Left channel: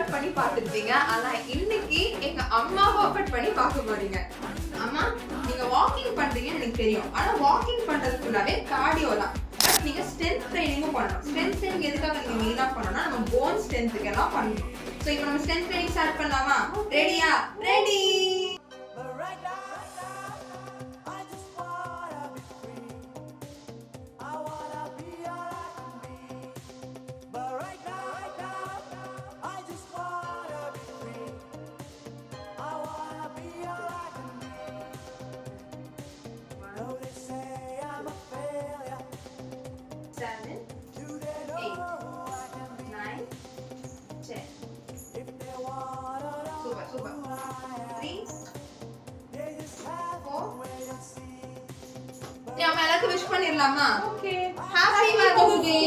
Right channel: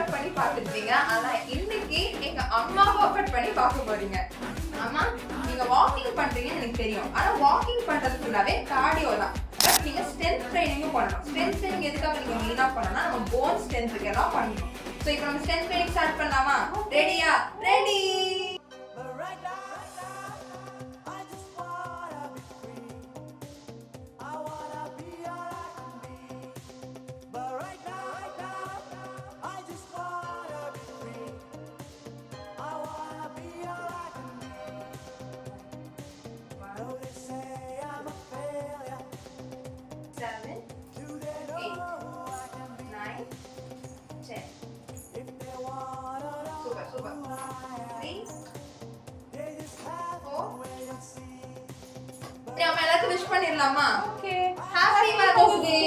ஒர்க் பண்ணி பார்த்துருப்பீங்க. ஆனா இன்னைக்கு எங்க அம்மாவை ஒர்க் பண்ணி பார்க்க போறீங்க. அம்மா, நீங்க வாக்கிங் பண்றீங்கன்னு எனக்கு தெரியும். ஆனா வாக்கிங் பண்றதுக்குள்ளாவே கார்டியோ தான். பட் நீங்க ஸ்ட்ரென்த் ட்ரைனிங்கும் பண்ணணும். ஸ்ட்ரென்த் ட்ரைனிங் எதுக்காக நீங்க மெயினா பண்ணணும்னா நம்ம போன் ஸ்ட்ரென்த்துக்கு எல்லாம் பண்ணணும். ஸோ இப்போ நம்ம ஸ்ட்ரென்த் ட்ரைனிங் ஸ்டார்ட் பண்ணலாமா? ரெடியா? ரெடி. Seven, 8, 9, 10. Super, super. 3, 4. நம்ம எல்லாருக்கும் விஷ் பண்ணிடலாமா? ஓகே. Happy mother's day.